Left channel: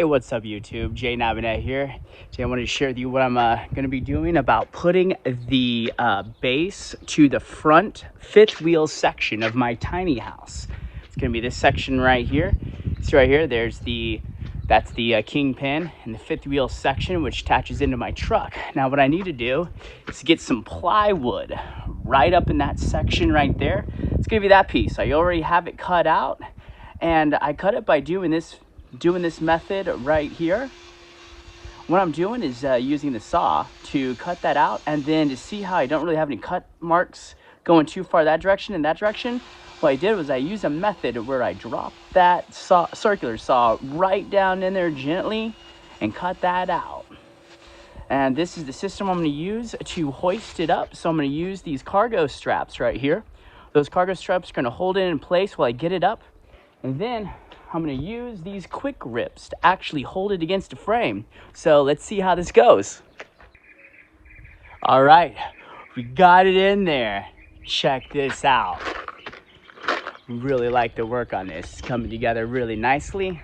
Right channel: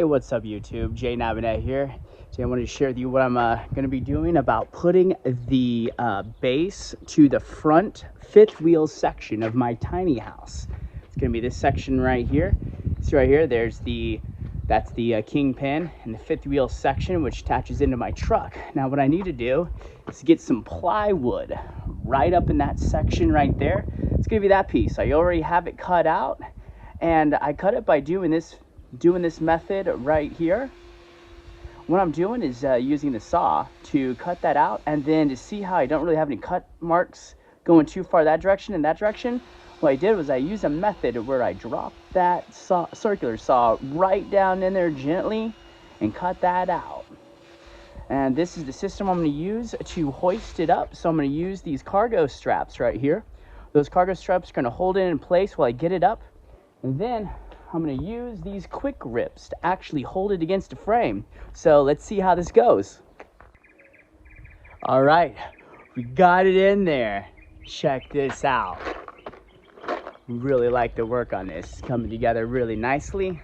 Hey, what's up YouTube? Jay Nabinet here. Today I wanted to share with you what I'm going to be doing about putting the base to the front fifth wheel section of my tiny house. It's going to be this section right here. See right here, that's the kingpin and the fifth wheel section, which attaches into my truck. Now what I need to do is get some plywood right up in that section right there. It's going to be that piece. I already have it cut out, and I cut it by doing this method right here. What I'm doing is using the saw to cut that out, and then to see how I don't really have any cut marks going too far that direction and that direction, what I did was I used a method where I dropped that circular saw right down in there gently and cut that out. And this is the system I'm going to use to hoist it up. So I'm going to use these cargo straps right here. Those cargo straps are going to hold it in place while I get it up, and then I'm going to use these quick grips to actually hold it against the frame. So let's see how this goes. All right, we got it in there. Check this out. Really like the work on this. It's coming together really nicely.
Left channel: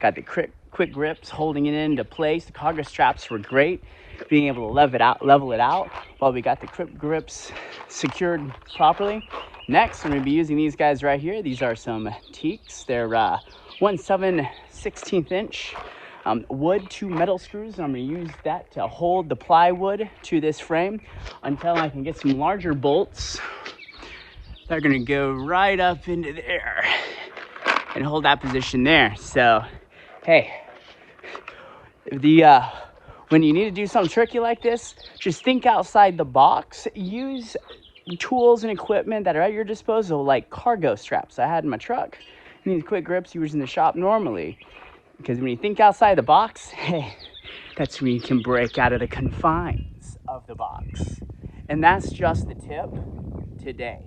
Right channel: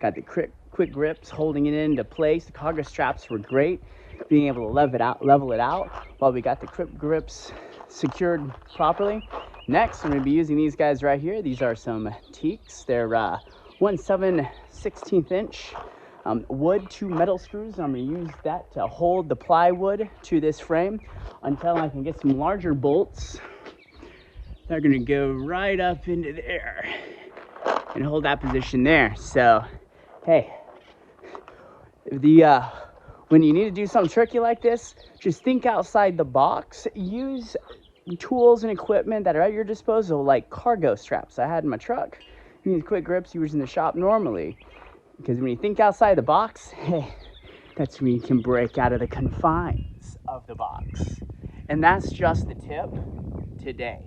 Got the quick grips holding it into place. The cargo straps were great, being able to level it out while we got the quick grips secured properly. Next, I'm going to be using these guys right here. These are some teaks. They're 1/7/16 inch wood to metal screws, and I'm going to use that to hold the plywood to this frame until I can get some larger bolts. They're going to go right up into there and hold that position there. So, hey, when you need to do something tricky like this, just think outside the box. Use tools and equipment that are at your disposal, like cargo straps I had in my truck, and these quick grips you use in the shop normally. Because when you think outside the box, hey, that's when you can break out of the confines of the box. And that's just the tip today.